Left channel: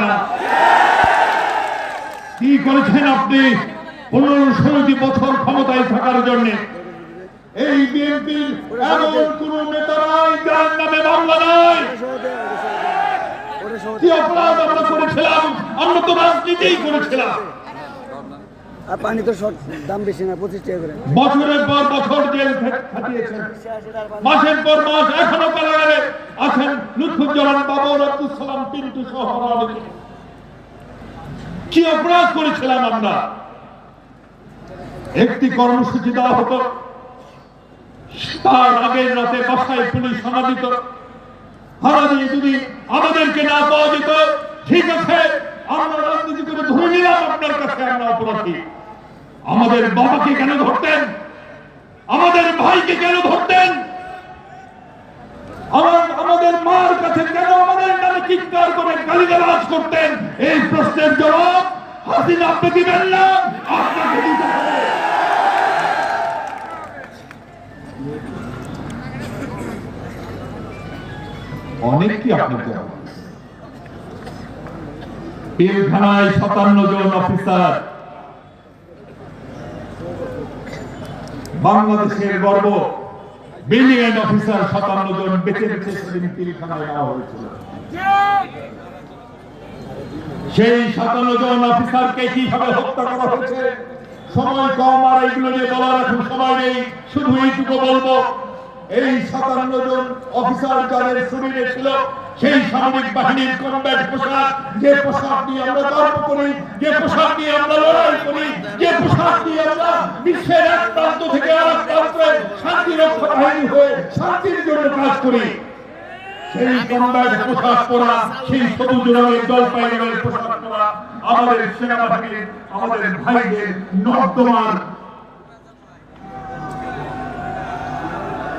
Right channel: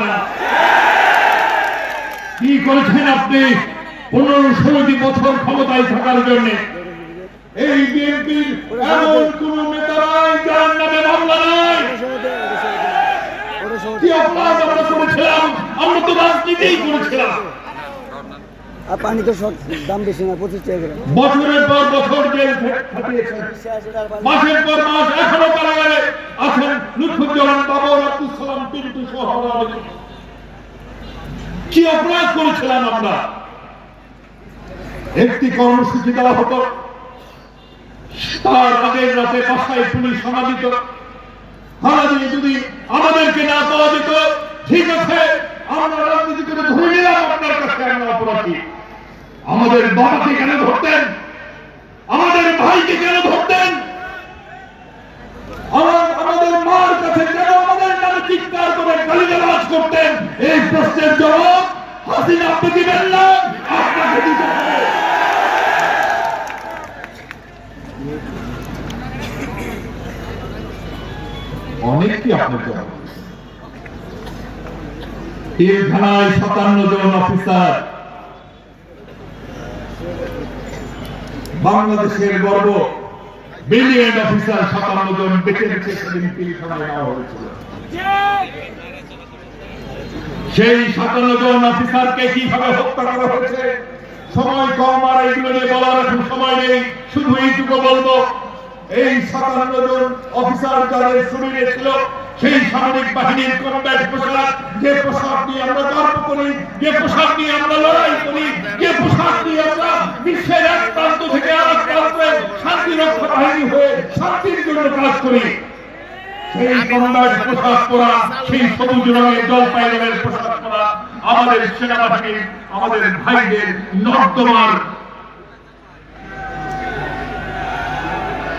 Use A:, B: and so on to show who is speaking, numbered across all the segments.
A: না। কি করেছেন আপনি? পনেরো ষোলোটি বছর ক্ষমতায় থাকার জন্য। এই বিএনপির এমন কোন নেতা যার নামে মামলা নাই। কি অপরাধ আমরা করেছিলাম? আমরা তো রাজনীতিই করেছিলাম।
B: আর পানি তো সব দাম বেশি না, পঁচিশ টাকা করে।
A: বছরের পর বছর মাসের পর মাস এখনও কারাগারে আছেন লুৎফুজ্জামান বাবর আব্দুল সালাম পিন্টু সহ কি অপরাধ করেছিলাম আমরা? একটি কর্মসূচি দেওয়া হতো। তার আগের রাতে বাসায় পুলিশ হানা দিত। হানা দিয়ে যদি আমাদেরকে না পাওয়া যেত, ঠিক আছে, আমরা রাজনীতি করে ধরে নিলাম আপনার কাছে, আমরা অপরাধী। আমাদের বাবাকে কেন ধরতেন? আমাদের ভাইকে কেন ধরতেন? আমাদের মার কাছে কেন আমাদের নামে চিৎকার করে গালিগালাজ করতেন? এই প্রশ্নের জবাব হাসিনা আপনি দিবেন না, আপনাকে দিতে হবে। অনেক কি আপনার জবাব? সাতান্ন জন অফিসার বাংলাদেশের গর্ব। ব্রিলিয়েন্ট অফিসার সাতান্ন জন বেঁচে বেঁচে সেদিন পিলখানায় নেওয়া হয়েছিল। সেই সাতান্ন জন অফিসারকে কীভাবে হত্যা করা হয়েছে? সময় কম আর এগুলো নিয়ে বলার এখন সময় নেই। শুধু এইটুকু বলব এই সাতান্ন জন অফিসার যাদের শরীরে ছিল, সেই সামরিক বাহিনীর কমব্যাট পোশাক, যে পোশাক নিয়ে আমরা গর্ব করি, যে পোশাক নিয়ে আমরা লড়াই করি, যে পোশাক নিয়ে আমরা বিশ্বের এক প্রান্ত থেকে আর এক প্রান্তে শান্তি রক্ষা বাহিনী হয়ে শান্তির জন্য কাজ করি। সেই কমব্যাট পোশাক পরা, সেই সবুজ রঙের জলপাই রঙের পোশাক পরা আমাদের সেনাবাহিনীর, আমাদের ভাইদের নর্দমার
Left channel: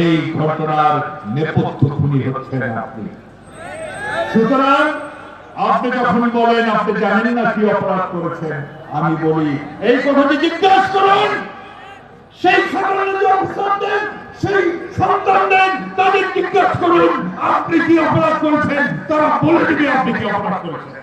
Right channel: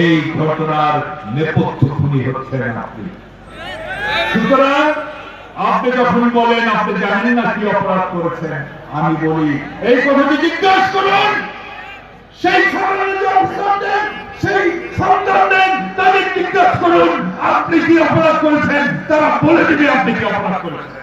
A: এই ঘটনার নেপথ্য খুনি হচ্ছেন আপনি। সুতরাং আপনি যখন বলেন, আপনি জানেন না কি অপরাধ করেছেন, আমি বলি, এই কথাটি জিজ্ঞাসা করুন। সেই দেন, সেই সন্তান দেন, তাদের জিজ্ঞাসা করুন, আপনি কি অপরাধ করেছেন? তারা বলে দিবে আপনি কি অপরাধ করেছেন।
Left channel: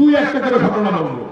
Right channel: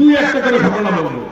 A: দুই একটা করে ঘটনা বলব।